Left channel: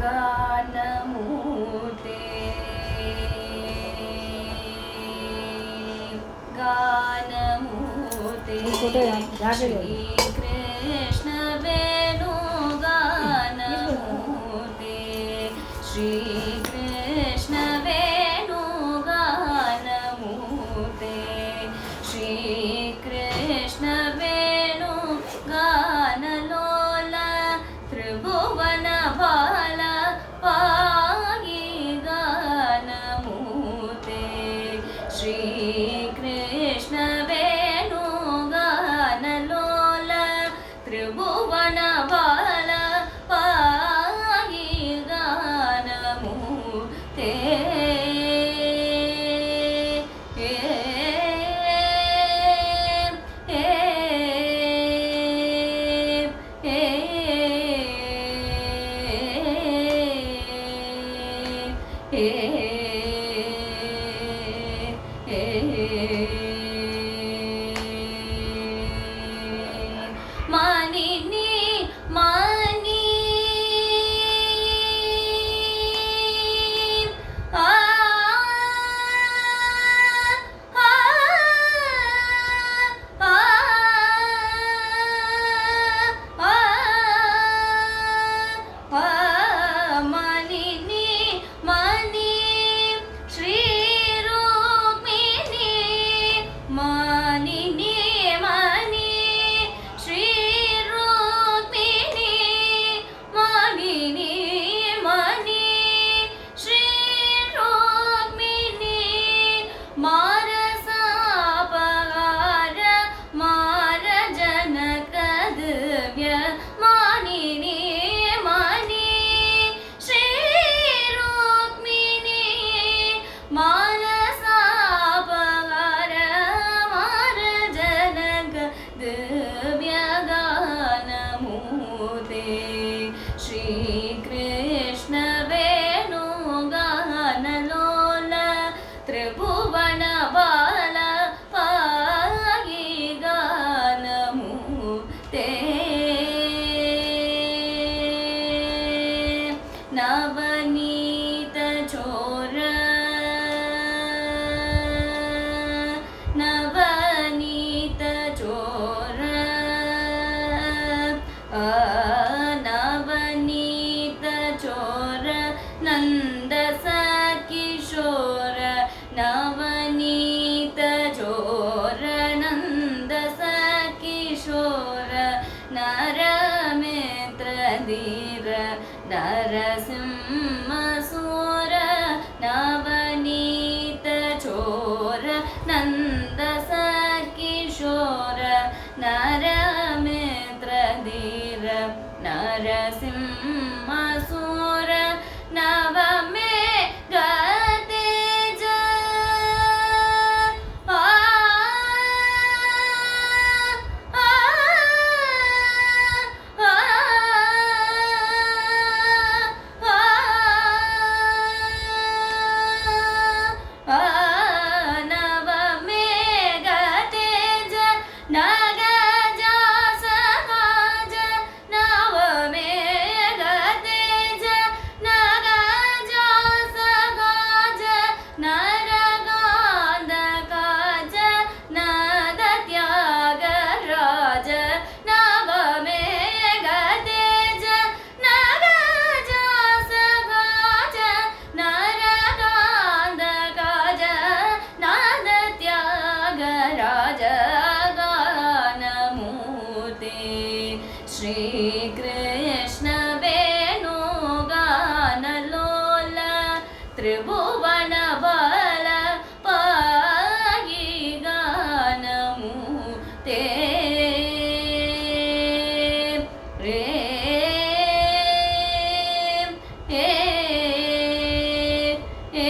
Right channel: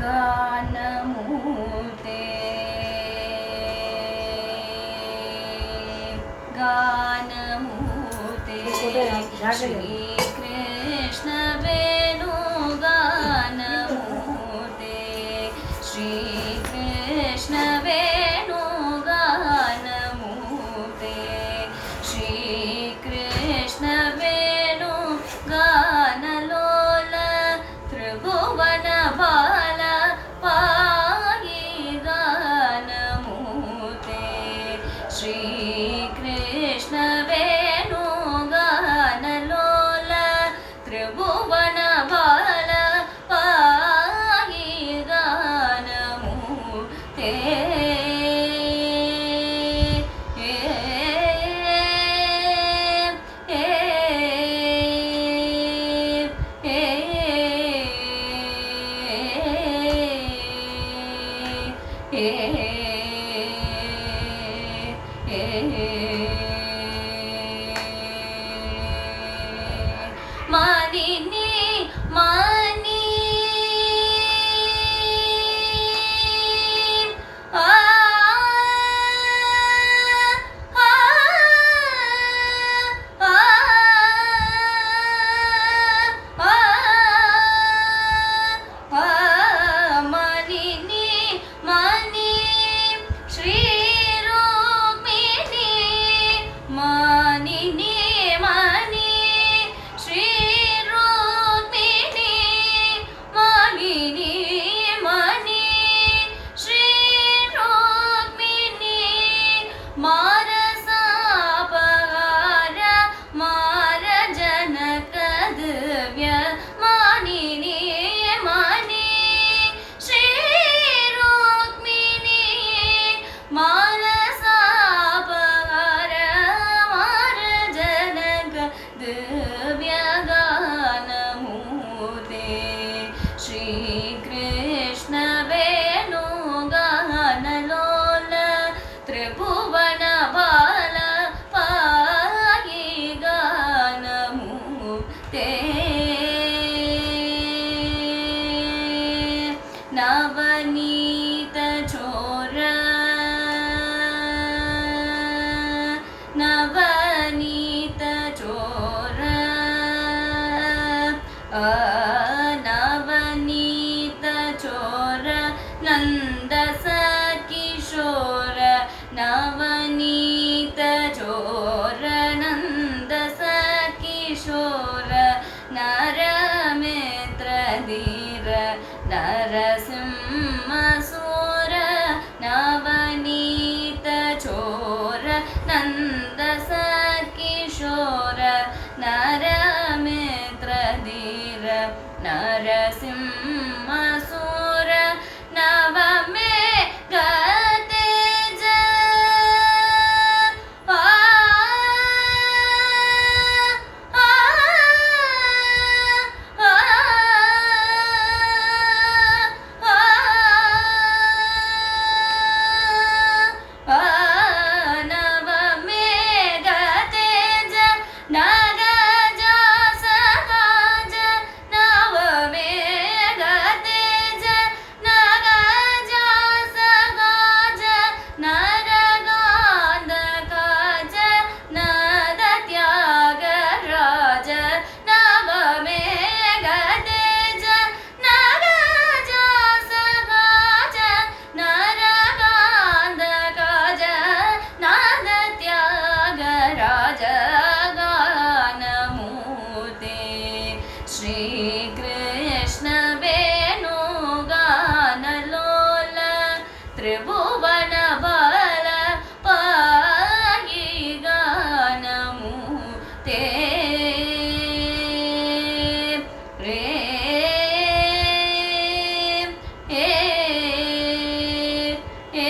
गानमूर्ते गानमूर्ते श्रीकृष्ण वेणुगानमूर्ते श्रीकृष्ण वेणुगानमूर्ते श्रीकृष्ण वेणुगानलोल त्रिभुवन बाल पाहि गानमूर्ते श्रीकृष्ण वेणुगानलोल त्रिभुवन बाल पाहि गानमूर्ते मानिनी मानी आ आ आ आ मानिनी मानी श्री रुक्मिणी मानिनी मानी श्री रुक्मिणी मानिनी मानी श्री रुक्मिणी मारसापहार मार जनक दिव्य मानिनी मानी श्री रुक्मिणी मानसापहार मार जनक दिव्य गानमूर्ते श्रीकृष्ण वेणुगानलोल त्रिभुवन बाल पाहि गानमूर्ते नवनीत चोर नवनीत चोर नवनीत चोर नंद किशोर नवनीत चोर नंद किशोर नरमित्र धीर नरसिंहसूर नवनीत चोर नंद किशोर नरमित्र धीर नरसिंहसूर नवमे गतेज आ आ आ आ नवमे गतेज नागज सगाज नवमे गतेज नागज सगाज नरगांधकाज नद त्यागराज नवमे गतेज नागज सगाज नरगांधकाज नद त्यागराज गानमूर्ते श्रीकृष्ण वेणुगानलोल त्रिभुवन बाल पाहि गानमूर्ते रे ए